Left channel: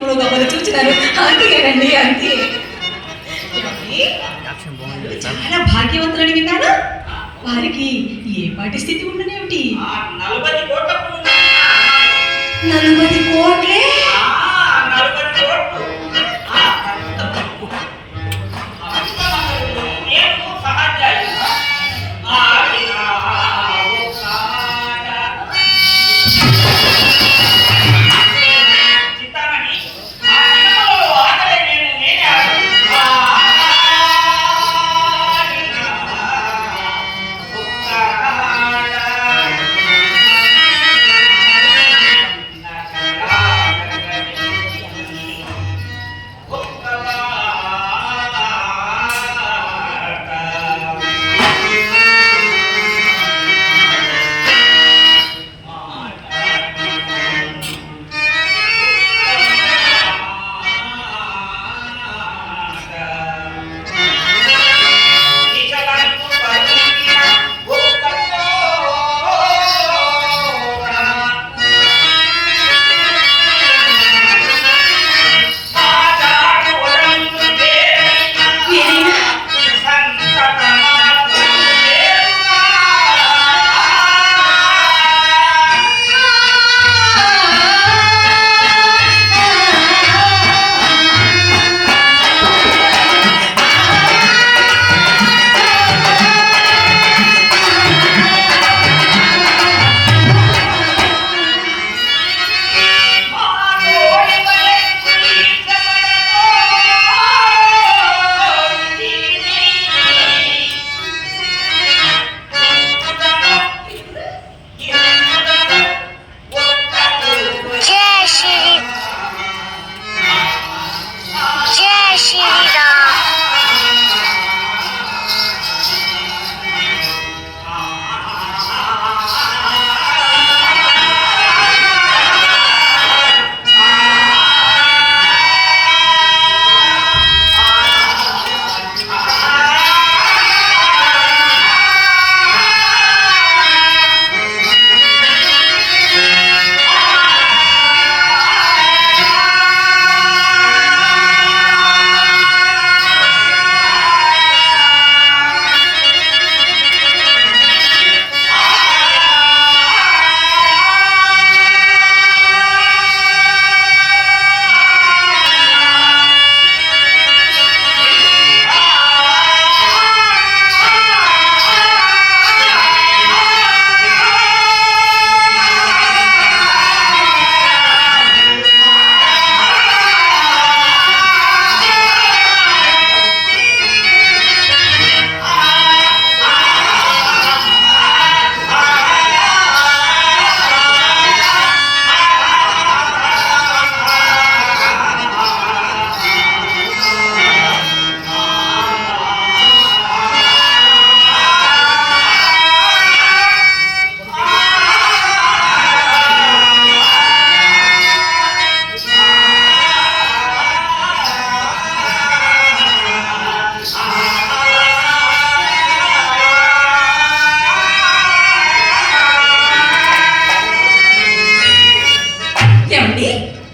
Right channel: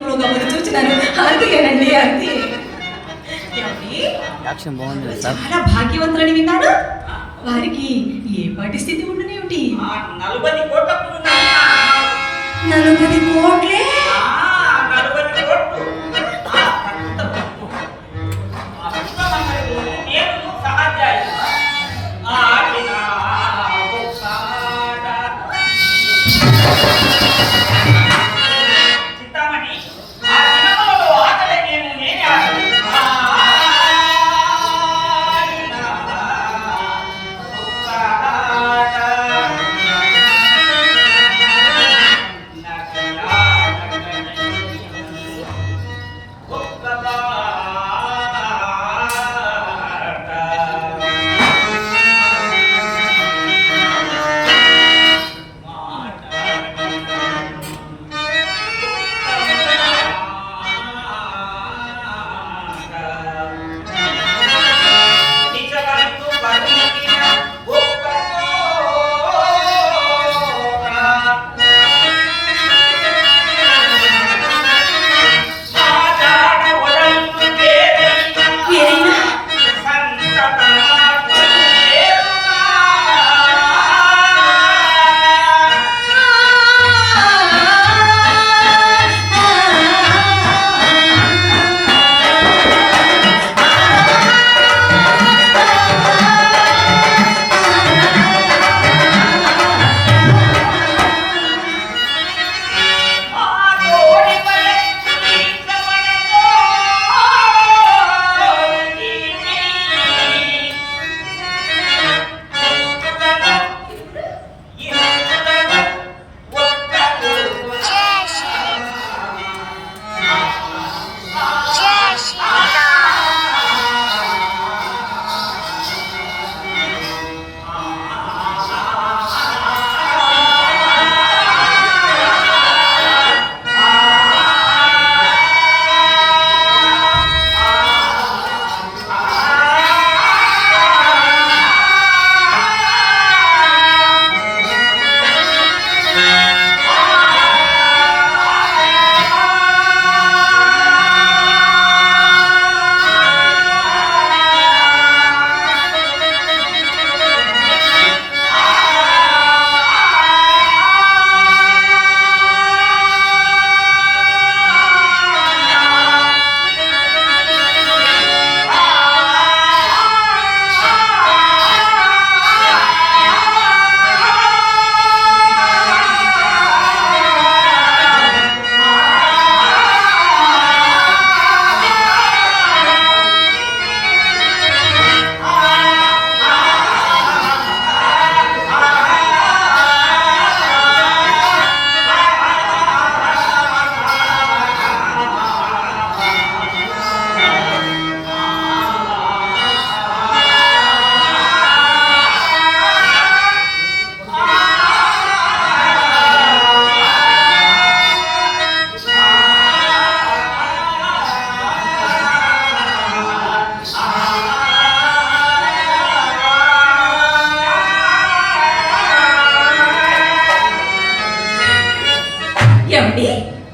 మమ్మల్ని చూసినారు అంతేనండి అంతే చాలా భాగ్యవంతులని విన్నాను వారికి ఏ పాటి స్థితి ఉండనేమిటి? ఆ నలభై కోట్ల పుణ్యం. నలుగురి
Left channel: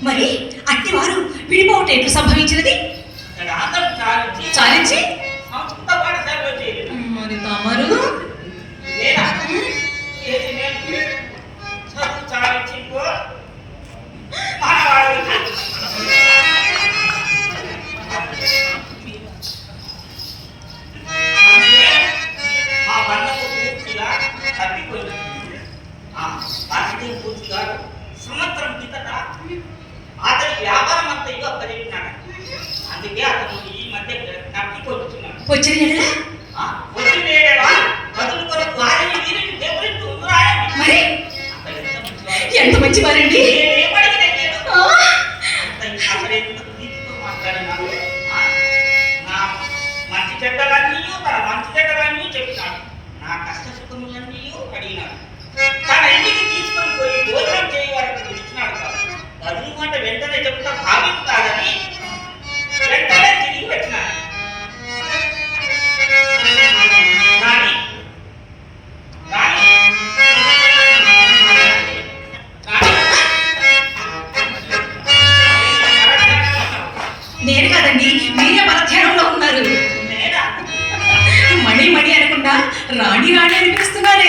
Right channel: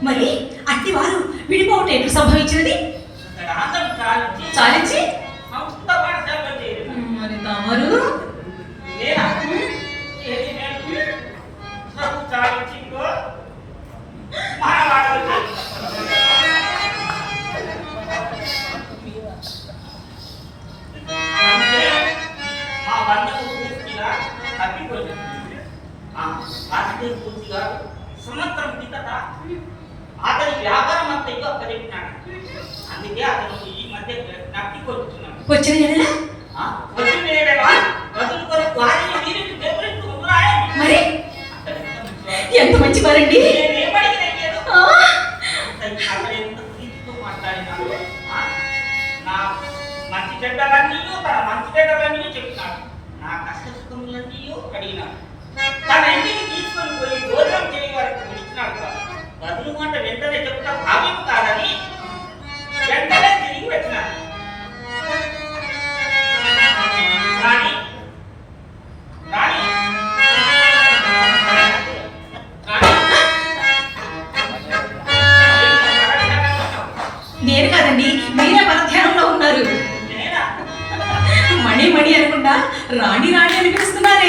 మరి అట్టి వారు విడిపోవటం ఎట్లు సంభవించినది? చాలించి. మరి తమరు? పూర్తిగా సంవత్సరం కిందట అతని వ్యాపారం అంతా ఇదో అప్పచెప్పినాడు అందుకే అతను ఈ మధ్య తప్పిపోతున్నాడు వచ్చిన నెలలా? ఆ, వచ్చి వేడేవా బతులు కొరకు భార్యని వీరిని దేవుడిస్తూ ఉందిరాయండి. మరి అతడు ఎంత మంచివాడు. ఎంత మంచివారండి నేనేం అడిగిన అడిగాడు? ఆ, అతను అతడు ఎంత ప్రీతితో మాట్లాడినాడు. ఆ, నా మంచి చెడ్డలన్నీ తన మంచి చెడ్డలన్నీ చెప్పినాడు నా కష్ట సుఖములన్నీ అడిగినాడు కాదని వెంటనే తిరిగి పెట్టినాడు. కానీ నేను కాదండి మీరే పరధ్యానంలో ఉన్నారు. నేనా? మణి మణి అనుకుంటా రాణి రాణి అని పిలుస్తున్నారు